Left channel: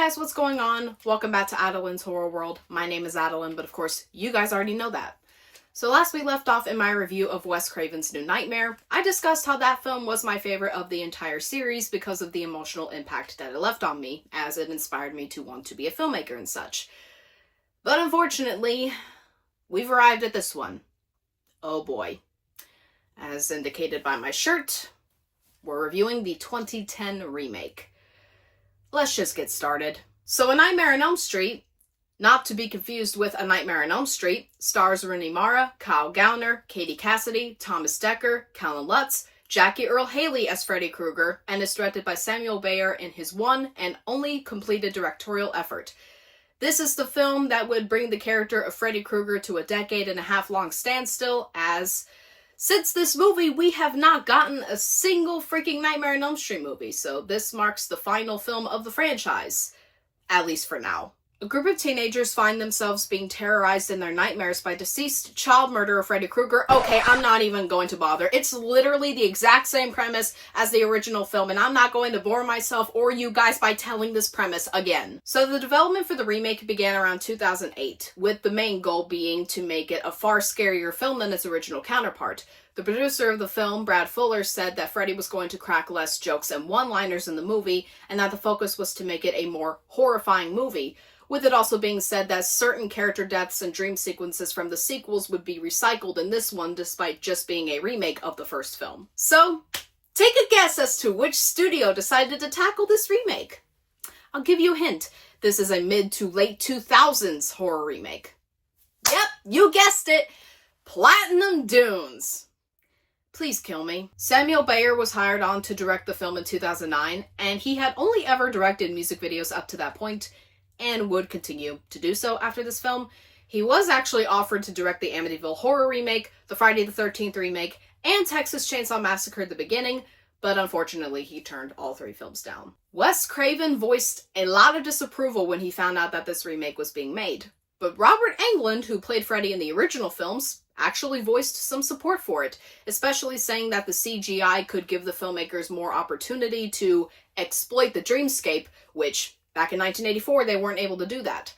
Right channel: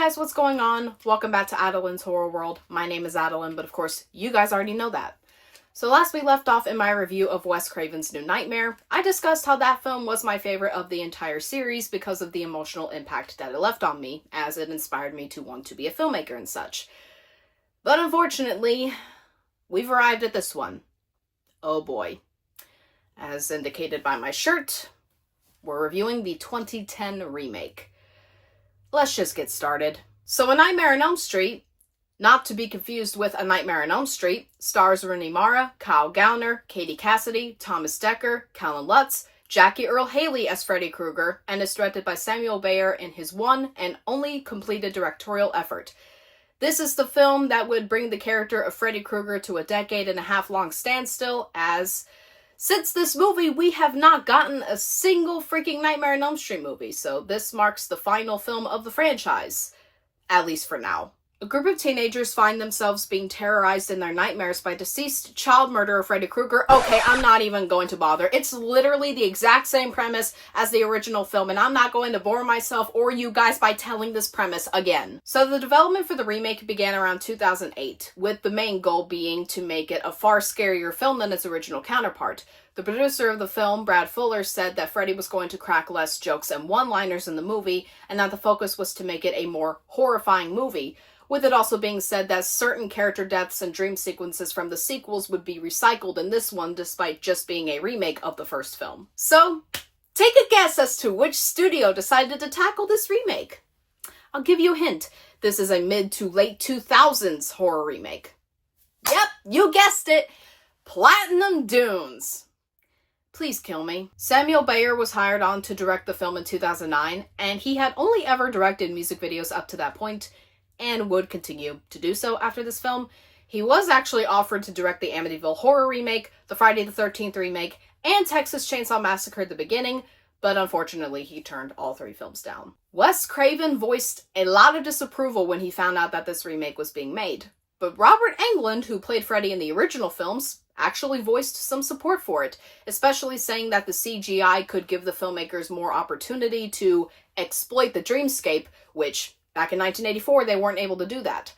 Hey guys, what's going on? Welcome back to Adeline's Horror World. My name is Adeline, but of course, you guys already know that. So last we left off in my review of Wes Craven's New Nightmare, I discussed how that film was my favorite of the entire series because of the emotional impact that it left on me, as it inspired me to want to be a filmmaker and such. But unfortunately, we've arrived at this one. Oh boy. As indicated by my shirt, we're reviewing the 2010 remake. Let's just get started. So A Nightmare on Elm Street, not to be confused with A Nightmare on Elm Street, stars Rooney Mara, Kyle Gallner, Katie Cassidy, Thomas Dekker, Kellan Lutz, Jackie Earle Haley as Freddy Krueger, and is directed by Samuel Bayer in his one and only completed directorial effort. This is the film that would bring the character of Freddy Krueger to a decade-and-a-half long standstill, as since this movie, we have not gotten a single freaking Nightmare on Elm Street movie, so this marks the final film of the franchise, at least for now. A group of teenagers find themselves being terrorized in their nightmares by deceased child murderer Freddy Krueger. Okay, I'm not even going to bother. It's literally the exact same premise as the original film, and I'm not going to bore myself or you guys by telling this premise again. So the development for the remake began around 2008, with the main goal being to make it a far scarier film than its original counterpart. The producer of the film, Brad Fuller, said that Freddy was going to crack less jokes and one-liners in the movie, and that the focus was to make it a more horrifying movie, with it also being said that certain character deaths and dream sequences from the sequels would be recycled in this one despite just being a remake of the first film. So, take a guess as to which studio decided to tackle this remake. I'll give you a hint. This is a mid to late 2000s horror remake. Yep, you guessed it! Platinum Dunes. Please kill me. Samuel Bayer was hired on to direct the film in 2009, and he had only ever directed music videos up to that point, and would continue to do so after this film. He was actually offered to direct the Amityville Horror remake, the Friday the 13th remake, and Texas Chainsaw Massacre at the beginning, but unfortunately he turned all three films down. Wes Craven voiced a lot of disapproval when he found out that this remake was being made, but Robert Englund, who played Freddy in the original films, actually voiced some support for it, especially saying that the CGI could give the filmmakers more opportunity to exploit the dreamscape, which back in 1984, they weren't able to do that.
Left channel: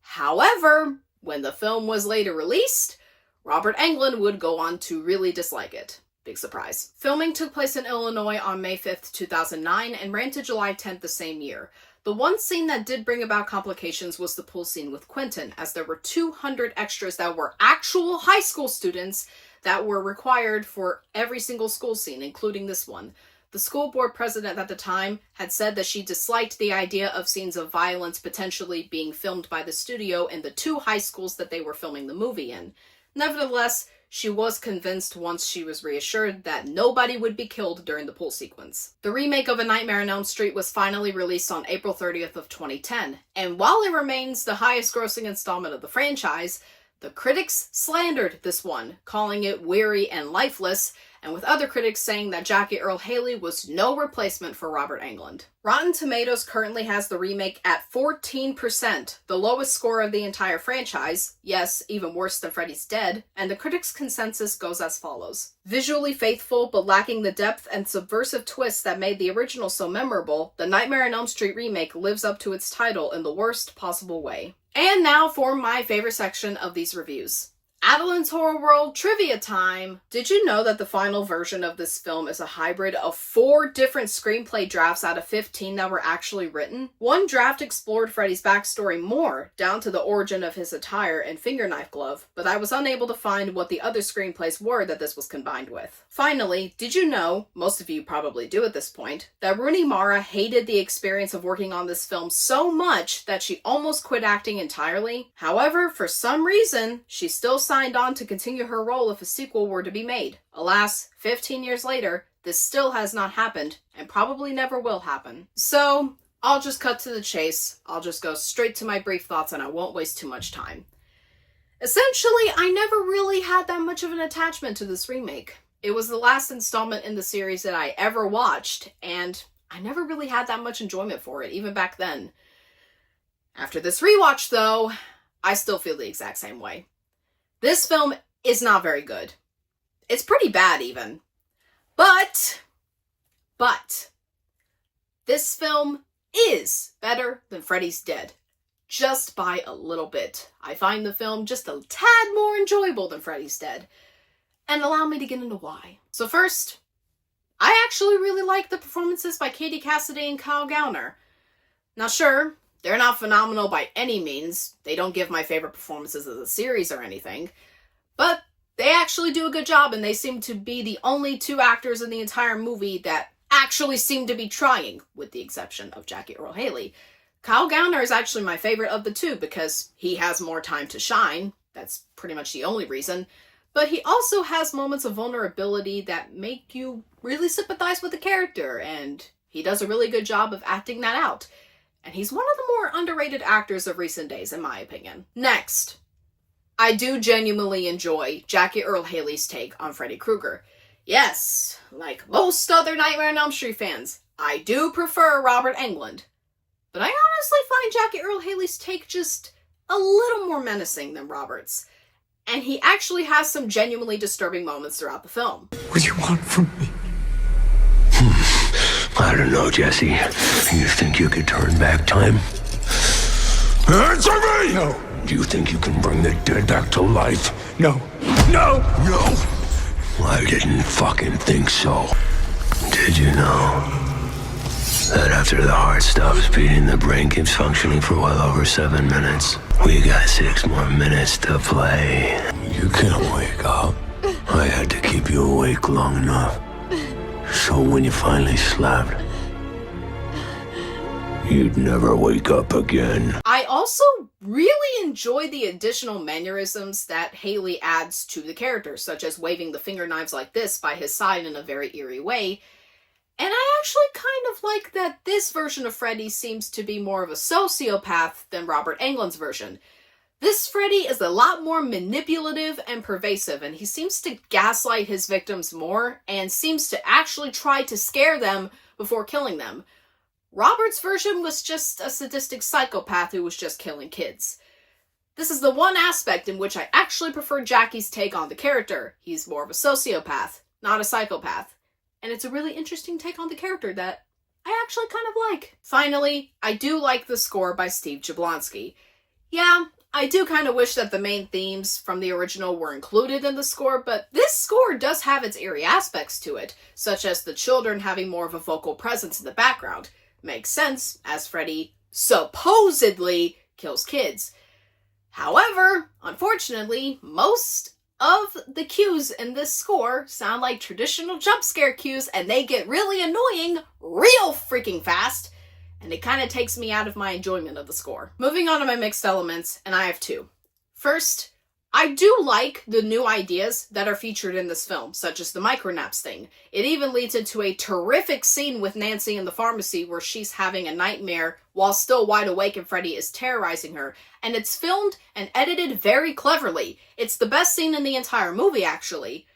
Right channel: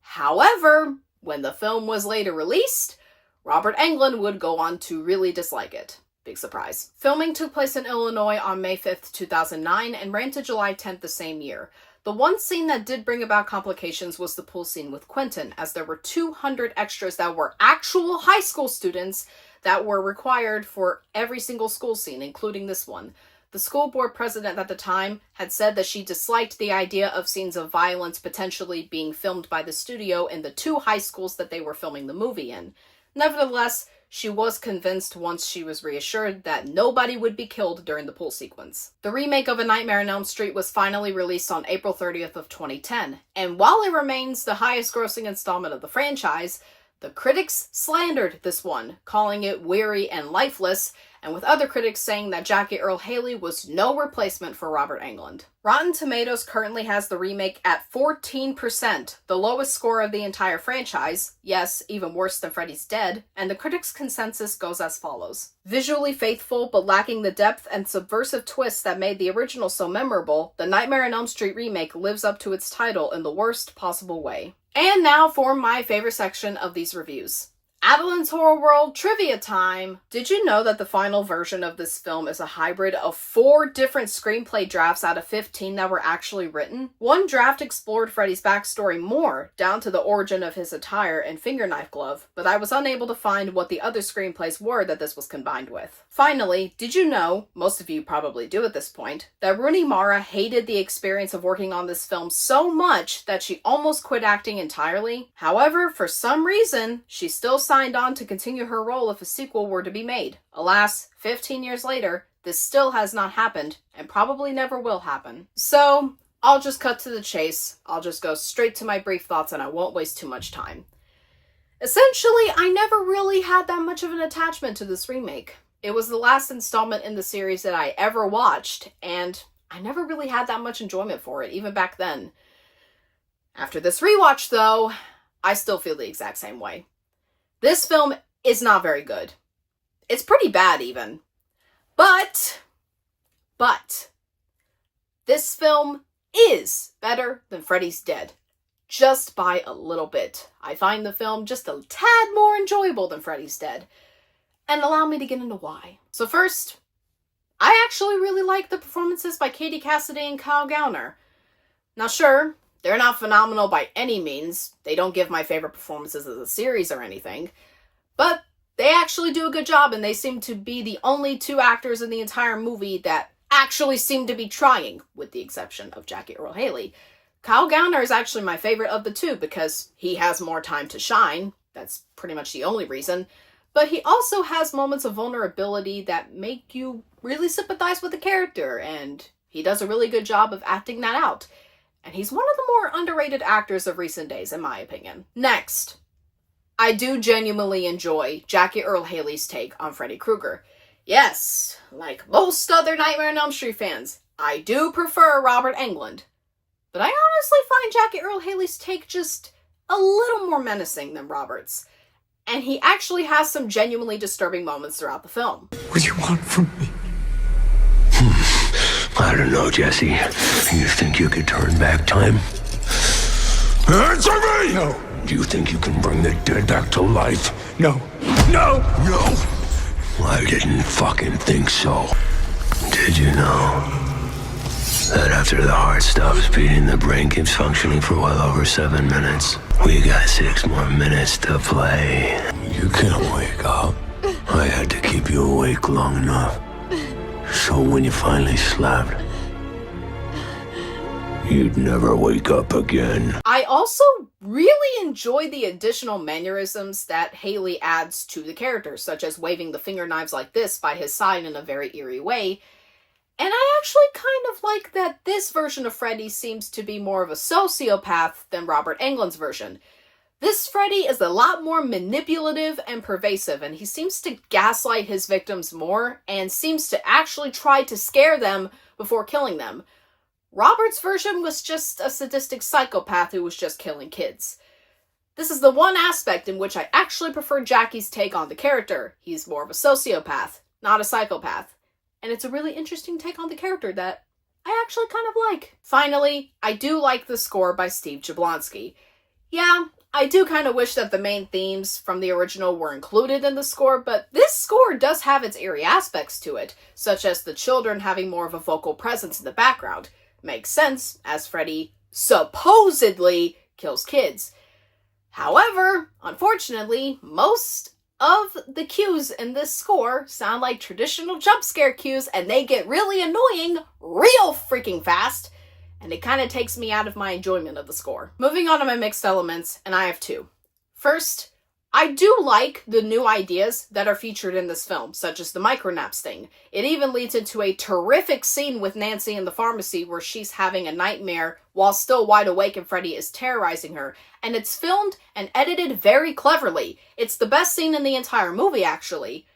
However, when the film was later released, Robert Englund would go on to really dislike it. Big surprise. Filming took place in Illinois on May 5th, 2009, and ran to July 10th the same year. The one scene that did bring about complications was the pool scene with Quentin, as there were 200 extras that were actual high school students that were required for every single school scene, including this one. The school board president at the time had said that she disliked the idea of scenes of violence potentially being filmed by the studio in the two high schools that they were filming the movie in. Nevertheless, she was convinced once she was reassured that nobody would be killed during the pool sequence. The remake of A Nightmare on Elm Street was finally released on April 30th of 2010, and while it remains the highest grossing installment of the franchise, the critics slandered this one, calling it weary and lifeless, and with other critics saying that Jackie Earle Haley was no replacement for Robert Englund. Rotten Tomatoes currently has the remake at 14%, the lowest score of the entire franchise, yes, even worse than Freddy's Dead, and the critics' consensus goes as follows. Visually faithful but lacking the depth and subversive twists that made the original so memorable, the Nightmare on Elm Street remake lives up to its title in the worst possible way. And now for my favorite section of these reviews. Adeline's Horror World Trivia Time! Did you know that the final version of this film is a hybrid of 4 different screenplay drafts out of 15 that were actually written? One draft explored Freddy's backstory more, down to the origin of his attire and fingerknife glove, but I was unable to find what the other screenplays were that this was combined with. Finally, did you know, most of you probably do at this point, that Rooney Mara hated the experience of working on this film so much that she almost quit acting entirely? However, for some reason, she still signed on to continue her role if a sequel were to be made. Alas, 15 years later, this still has not happened, and probably never will happen. So, I'll just cut to the chase. I'll just go straight to my brief thoughts and I won't waste too much time. Essentially, I never really had that much of an attachment to this remake. It was the last installment in the series that I ever watched, and I never really had that much enjoyment for it, even back then. After this rewatch, though, I still feel the exact same way. This film is not very good. It's pretty bad, even. But, this film is better than Freddy's Dead. Just by a little bit. I find the film just a tad more enjoyable than Freddy's Dead. And allow me to get into why. So first, I actually really like the performances by Cassidy and Gallner. Now sure, they're not phenomenal by any means. They don't give my favorite performances of the series or anything. But they actually do a good job, and they seem to be the only two actors in the entire movie that actually seem to be trying, with the exception of Jackie Earle Haley. Gallner is actually my favorite of the two because he has more time to shine. That's pretty much the only reason. But he also has moments of vulnerability that make you really sympathize with the character, and he does a really good job of acting that out. And he's one of the more underrated actors of recent days, in my opinion. Next, I do genuinely enjoy Jackie Earle Haley's take on Freddy Krueger. Yes, like most other Nightmare on Elm Street fans, I do prefer Robert Englund. But I honestly find Jackie Earle Haley's take just a little more menacing than Robert's. And he actually has some genuinely disturbing moments throughout the film. What do you want from me? I don't know, Jesse. You think you could turn back time? Answer me! No. Do you think you can bring the dead back to life? No. No! No! I didn't fucking think so. Did you know that after the heart stops beating, the brain keeps functioning for well over 7 minutes? We got 6 more minutes to play. You can't wake up. I had to keep you awake long enough. So when you finally slept, you'd never wake up again. I also really enjoy the additional mannerisms that Haley adds to the character, such as waving the finger knives like this by his side in a very eerie way. And I actually kind of like that this version of Freddy seems to be more of a sociopath than Robert Englund's version. This Freddy is a lot more manipulative and pervasive, and he seems to gaslight his victims more and seems to actually try to scare them before killing them. Robert's version was just a sadistic psychopath who was just killing kids. This is the one aspect in which I actually prefer Jackie's take on the character. He's more of a sociopath, not a psychopath. And it's a really interesting take on the character that I actually kind of like. Finally, I do like the score by Steve Jablonsky. Yeah, I do kind of wish that the main themes from the original were included in the score, but this score does have its eerie aspects to it, such as the children having more of a vocal presence in the background. Makes sense, as Freddy supposedly kills kids. However, unfortunately, most of the cues in this score sound like traditional jump scare cues, and they get really annoying real freaking fast, and it kind of takes me out of my enjoyment of the score. Moving on to my mixed elements, and I have two. First, I do like the new ideas that are featured in this film, such as the micronaps thing. It even leads into a terrific scene with Nancy in the pharmacy where she's having a nightmare while still wide awake and Freddy is terrorizing her. And it's filmed and edited very cleverly. It's the best scene in the entire movie, actually.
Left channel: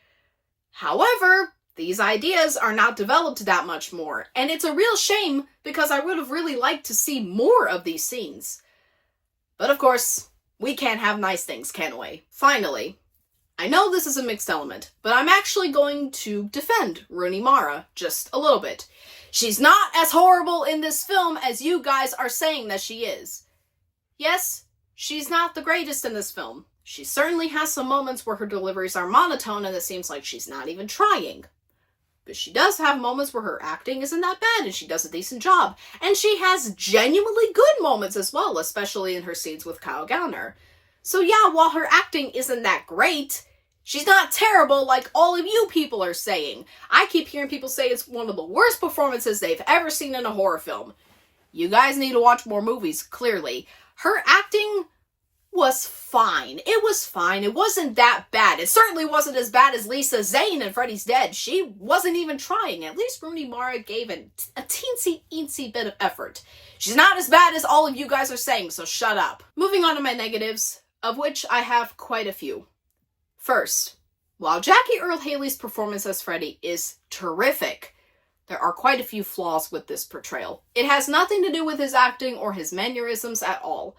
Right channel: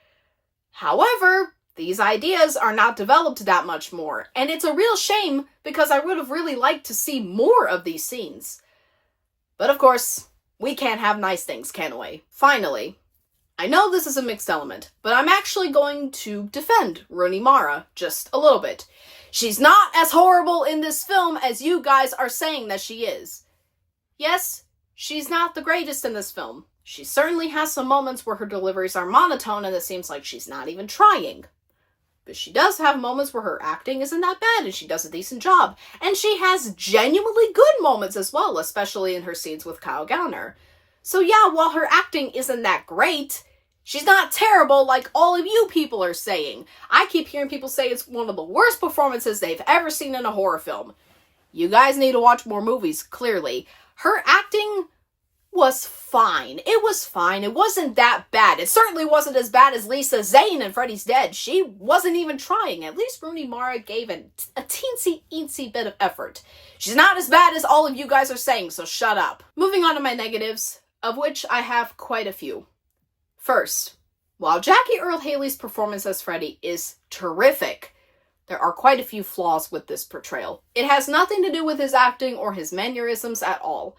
However, these ideas are not developed that much more, and it's a real shame because I would have really liked to see more of these scenes. But of course, we can't have nice things, can we? Finally, I know this is a mixed element, but I'm actually going to defend Rooney Mara just a little bit. She's not as horrible in this film as you guys are saying that she is. Yes, she's not the greatest in this film. She certainly has some moments where her deliveries are monotone and it seems like she's not even trying. But she does have moments where her acting isn't that bad and she does a decent job. And she has genuinely good moments as well, especially in her scenes with Gallner. So yeah, while her acting isn't that great, she's not terrible like all of you people are saying. I keep hearing people say it's one of the worst performances they've ever seen in a horror film. You guys need to watch more movies, clearly. Her acting was fine. It was fine. It wasn't that bad. It certainly wasn't as bad as Lisa Zane in Freddy's Dead. She wasn't even trying. At least Rooney Mara gave a teensy bit of effort. She's not as bad as all of you guys are saying, so shut up. Moving on to my negatives, of which I have quite a few. First, while Jackie Earle Haley's performance as Freddy is terrific, there are quite a few flaws with this portrayal. It has nothing to do with his acting or his mannerisms at all.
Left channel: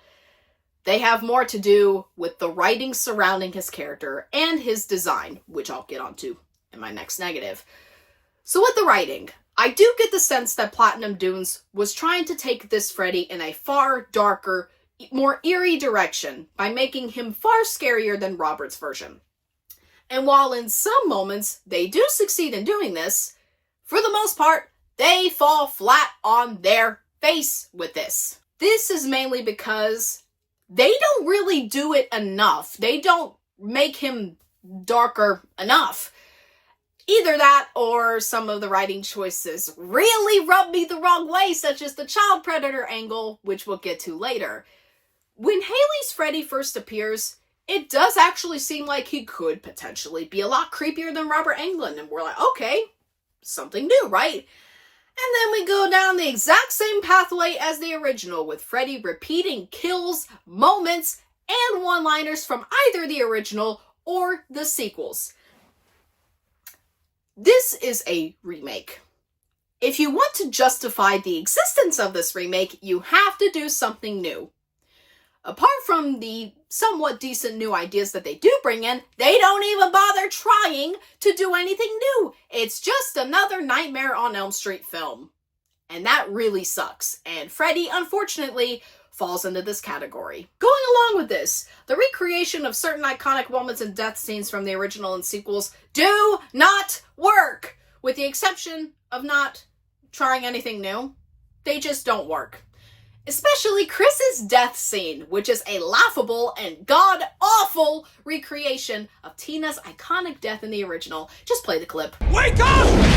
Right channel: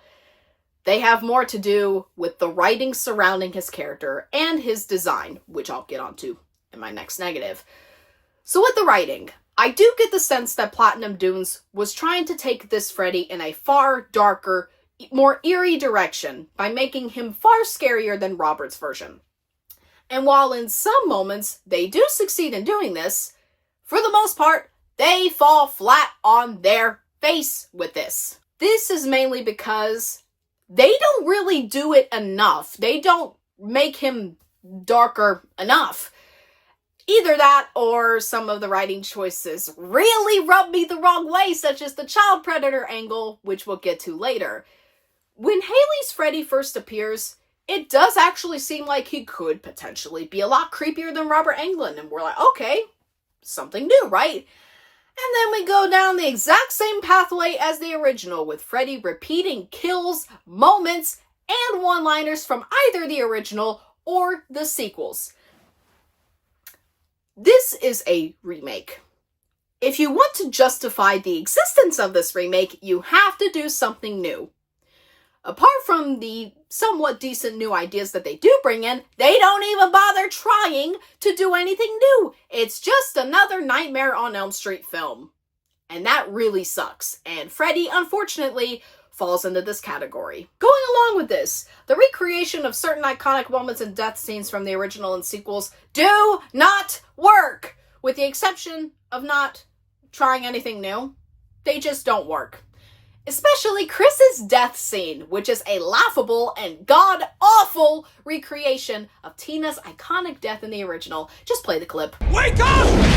They have more to do with the writing surrounding his character and his design, which I'll get onto in my next negative. So with the writing, I do get the sense that Platinum Dunes was trying to take this Freddy in a far darker, more eerie direction by making him far scarier than Robert's version. And while in some moments they do succeed in doing this, for the most part, they fall flat on their face with this. This is mainly because they don't really do it enough. They don't make him darker enough. Either that, or some of the writing choices really rub me the wrong way, such as the child predator angle, which we'll get to later. When Haley's Freddy first appears, it does actually seem like he could potentially be a lot creepier than Robert Englund, and we're like, okay, something new, right? And then we go down the exact same pathway as the original, with Freddy repeating kills, moments, and one-liners from either the original or the sequels. This is a remake. If you want to justify the existence of this remake, you have to do something new. Apart from the somewhat decent new ideas that they do bring in, they don't even bother trying to do anything new. It's just another Nightmare on Elm Street film. And that really sucks. And Freddy, unfortunately, falls into this category. Going along with this, the recreation of certain iconic moments and death scenes from the original and sequels do not work. With the exception of not trying anything new, they just don't work. Especially Chris's death scene, which is a laughable and god-awful recreation of Tina's iconic death in the original. Just play the clip. Wake up!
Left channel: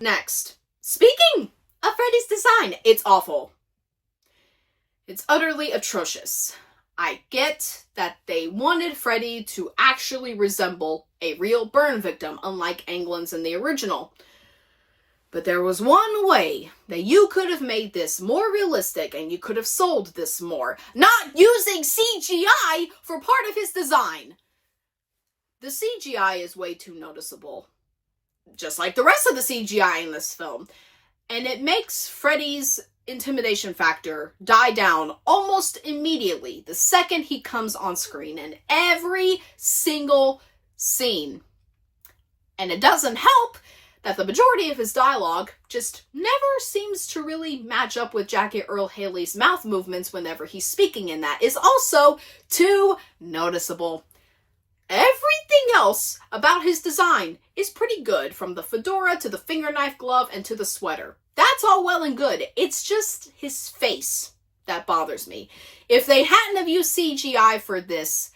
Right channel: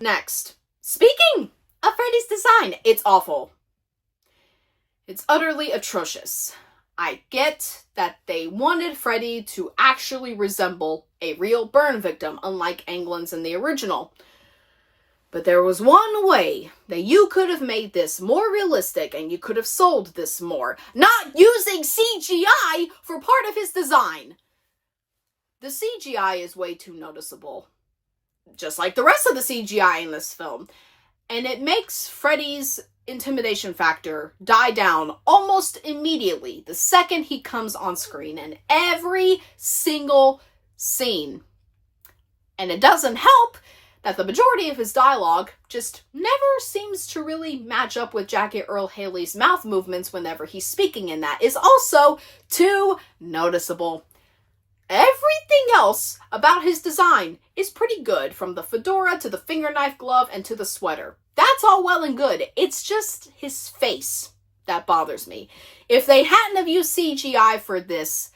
Next, speaking of Freddy's design, it's awful. It's utterly atrocious. I get that they wanted Freddy to actually resemble a real burn victim, unlike Englund's in the original. But there was one way that you could have made this more realistic and you could have sold this more. Not using CGI for part of his design. The CGI is way too noticeable. Just like the rest of the CGI in this film. And it makes Freddy's intimidation factor die down almost immediately the second he comes on screen in every single scene. And it doesn't help that the majority of his dialogue just never seems to really match up with Jackie Earle Haley's mouth movements whenever he's speaking in that. Is also too noticeable. Everything else about his design is pretty good, from the fedora to the fingerknife glove and to the sweater. That's all well and good. It's just his face that bothers me. If they hadn't have used CGI for this,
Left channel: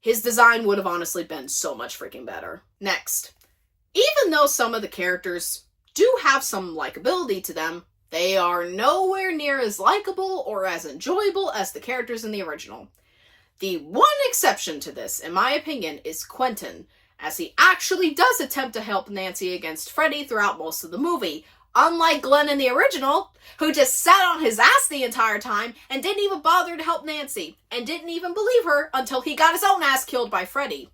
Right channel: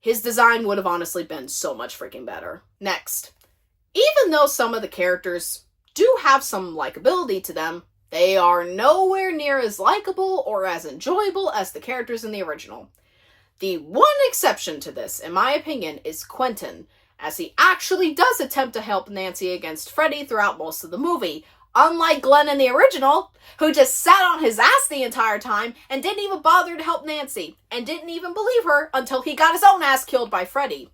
his design would have honestly been so much freaking better. Next, even though some of the characters do have some likability to them, they are nowhere near as likable or as enjoyable as the characters in the original. The one exception to this, in my opinion, is Quentin, as he actually does attempt to help Nancy against Freddy throughout most of the movie, unlike Glenn in the original, who just sat on his ass the entire time and didn't even bother to help Nancy, and didn't even believe her until he got his own ass killed by Freddy.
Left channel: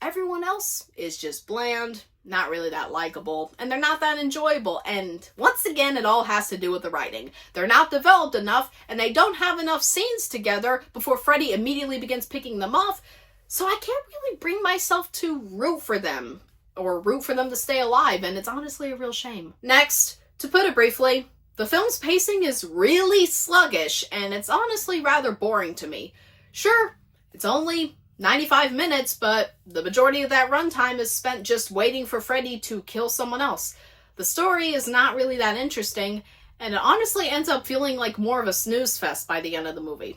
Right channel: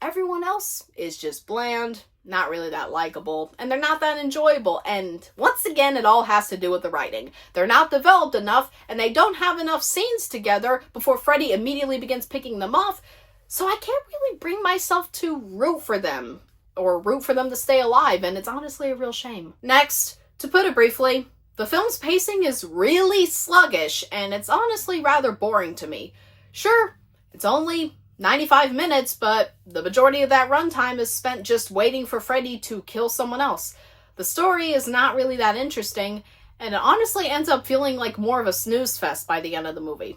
Everyone else is just bland, not really that likable, and they're not that enjoyable, and once again, it all has to do with the writing. They're not developed enough, and they don't have enough scenes together before Freddy immediately begins picking them off, so I can't really bring myself to root for them, or root for them to stay alive, and it's honestly a real shame. Next, to put it briefly, the film's pacing is really sluggish, and it's honestly rather boring to me. Sure, it's only 95 minutes, but the majority of that runtime is spent just waiting for Freddy to kill someone else. The story is not really that interesting, and it honestly ends up feeling like more of a snooze fest by the end of the movie.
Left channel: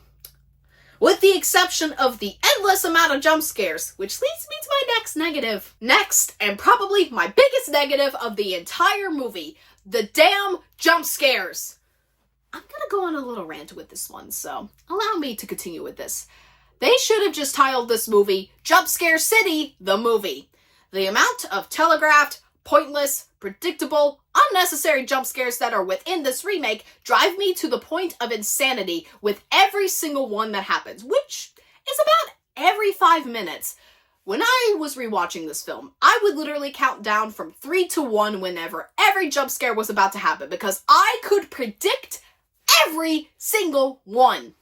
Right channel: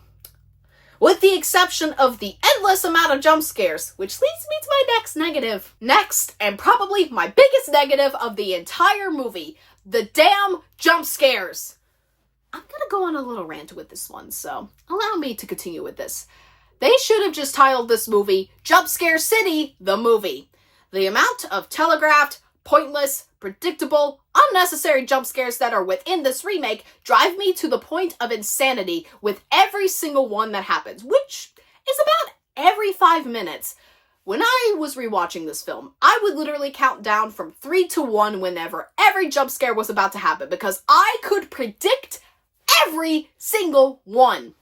With the exception of the endless amount of jump scares, which leads me to my next negative. Next, and probably my biggest negative of the entire movie, the damn jump scares. I'm gonna go on a little rant with this one, so allow me to continue with this. They should have just titled this movie Jump Scare City, the movie. The amount of telegraphed, pointless, predictable, unnecessary jump scares that are within this remake drive me to the point of insanity with every single one that happens, which is about every 5 minutes. When I was rewatching this film, I would literally count down from 3 to 1 whenever every jump scare was about to happen because I could predict every single one.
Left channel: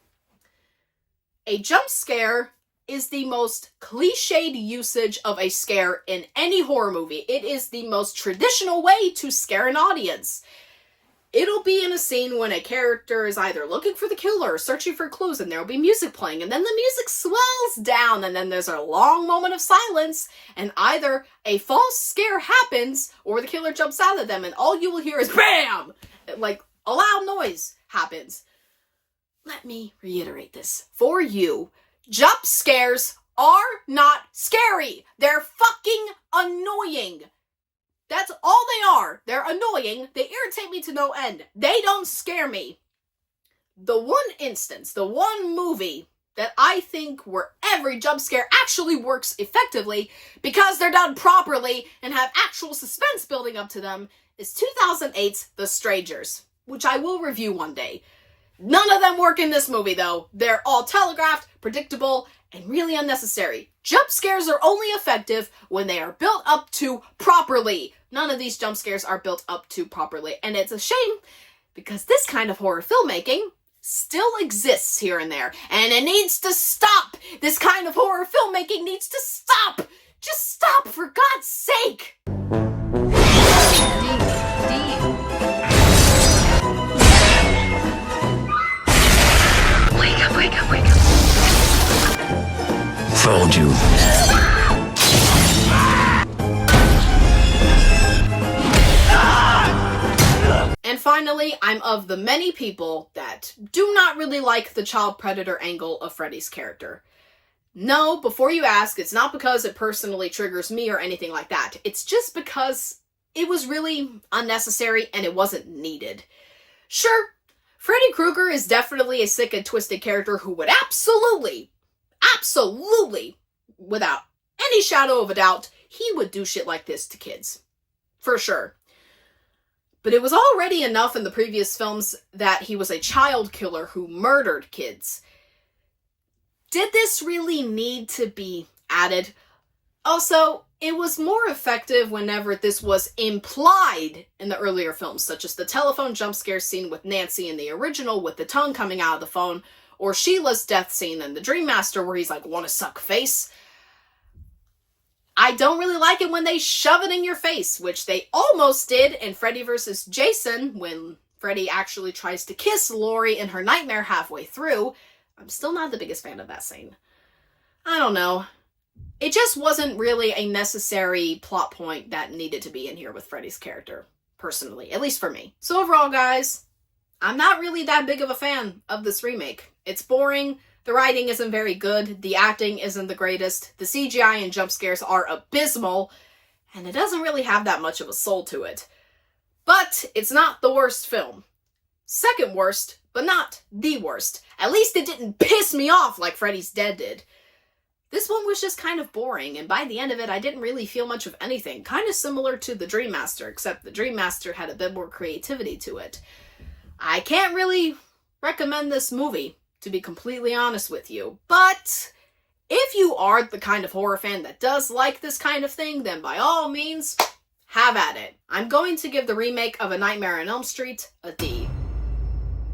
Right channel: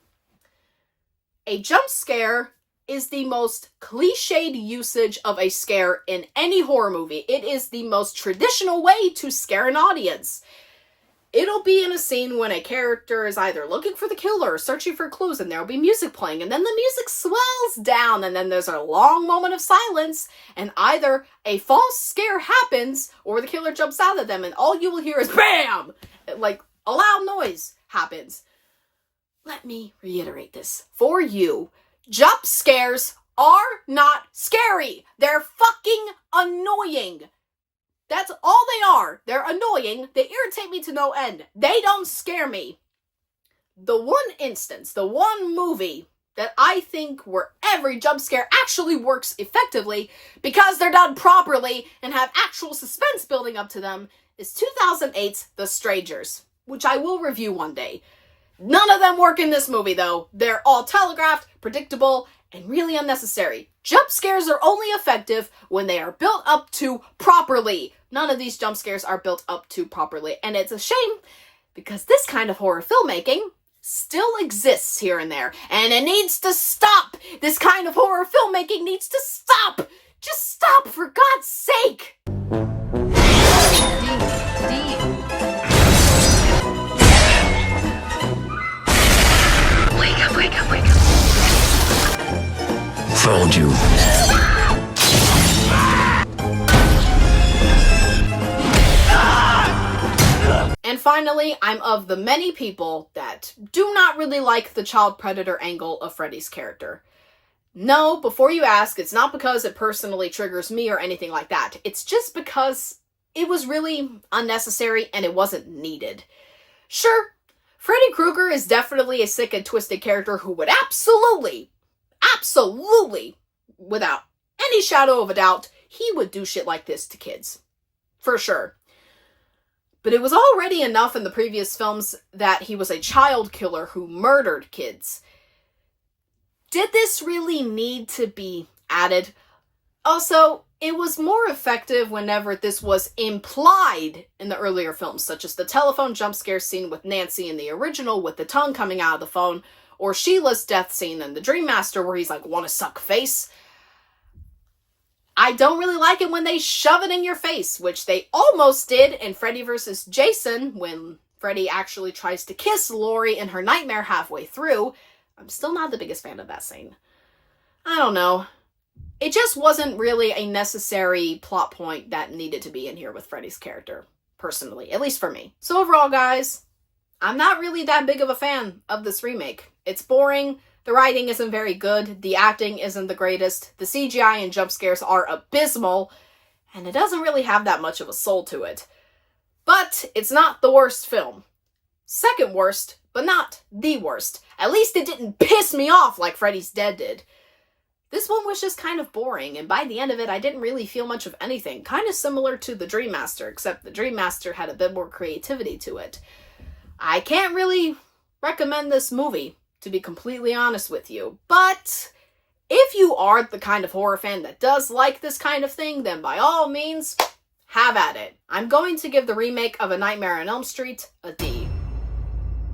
A jump scare is the most cliched usage of a scare in any horror movie. It is the most traditional way to scare an audience. It'll be in a scene when a character is either looking for the killer or searching for clues, and there'll be music playing, and then the music swells down, and then there's a long moment of silence, and either a false scare happens or the killer jumps out at them, and all you will hear is BAM! Like, a loud noise happens. Let me reiterate this for you. Jump scares are not scary. They're fucking annoying. That's all they are. They're annoying. They irritate me to no end. They don't scare me. The one instance, the one movie that I think where every jump scare actually works effectively because they're done properly and have actual suspense building up to them is 2008's The Strangers, which I will review one day. None of them work in this movie, though. They're all telegraphed, predictable, and really unnecessary. Jump scares are only effective when they are built up to properly. None of these jump scares are built up to properly, and it's a shame because this kind of horror filmmaking still exists here and there, and it needs to stop. This kind of horror filmmaking needs to stop. Just stop, for God's sake. Wake up. Found you. And finally, I'm of the many people that do not really like the child predator angle of Freddy's character. No, before you ask, it's not because it personally triggers me or anything like that. It's just because it was really unnecessary and it wasn't needed. Sure, Freddy Krueger is definitely a sick and twisted character who would absolutely, without any shadow of a doubt, he would do shit like this to kids. For sure. But it was already enough in the previous films that he was a child killer who murdered kids. Did this really need to be added? Also, it was more effective whenever this was implied in the earlier films, such as the telephone jump scare scene with Nancy in the original with the tongue coming out of the phone, or Sheila's death scene in the Dream Master where he's like, wanna suck face? I don't really like it when they shove it in your face, which they almost did in Freddy vs. Jason when Freddy actually tries to kiss Laurie in her nightmare halfway through. I'm still not the biggest fan of that scene. I don't know. It just wasn't really a necessary plot point that needed to be in here with Freddy's character, personally, at least for me. So overall, guys, I'm not really that big of a fan of this remake. It's boring, the writing isn't very good, the acting isn't the greatest, the CGI and jump scares are abysmal, and it doesn't really have that much of a soul to it. But it's not the worst film. Second worst, but not the worst. At least it didn't piss me off like Freddy's Dead did. This one was just kind of boring, and by the end of it, I didn't really feel much of anything. Kind of similar to the Dream Master, except the Dream Master had a bit more creativity to it. I can't really recommend this movie, to be completely honest with you, but if you are the kind of horror fan that does like this kind of thing, then by all means, have at it. I'm going to give the remake of A Nightmare on Elm Street a D.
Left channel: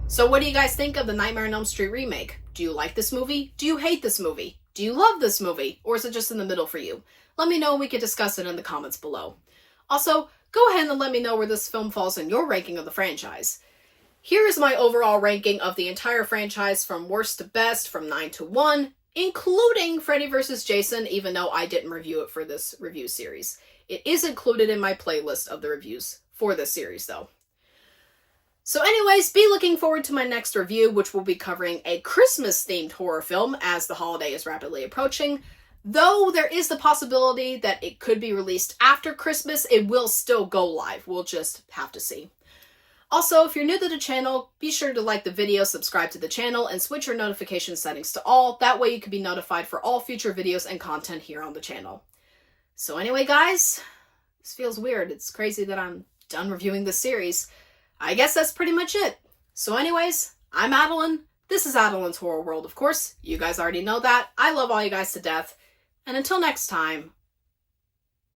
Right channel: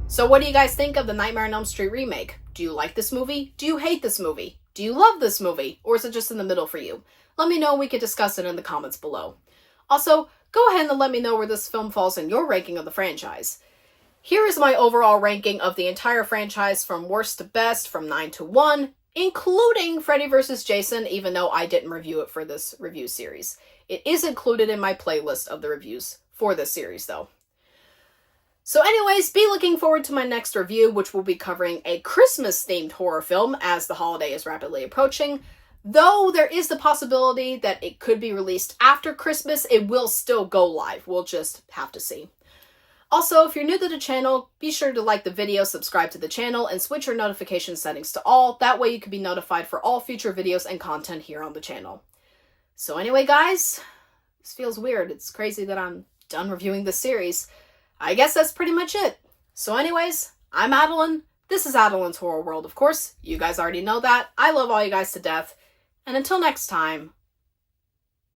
So what do you guys think of the Nightmare on Elm Street remake? Do you like this movie? Do you hate this movie? Do you love this movie? Or is it just in the middle for you? Let me know, we could discuss it in the comments below. Also, go ahead and let me know where this film falls in your ranking of the franchise. Here is my overall ranking of the entire franchise from worst to best, from 9 to 1, including Freddy vs. Jason, even though I didn't review it for this review series. It is included in my playlist of the reviews for this series, though. So anyways, be looking forward to my next review, which will be covering a Christmas-themed horror film as the holiday is rapidly approaching. Though there is the possibility that it could be released after Christmas, it will still go live. We'll just have to see. Also, if you're new to the channel, be sure to like the video, subscribe to the channel, and switch your notification settings to all. That way you can be notified for all future videos and content here on the channel. So anyway, guys, this feels weird. It's crazy that I'm done reviewing this series. I guess that's pretty much it. So anyways, I'm Adeline. This is Adeline's Horror World, of course. You guys already know that. I love all you guys to death. And until next time,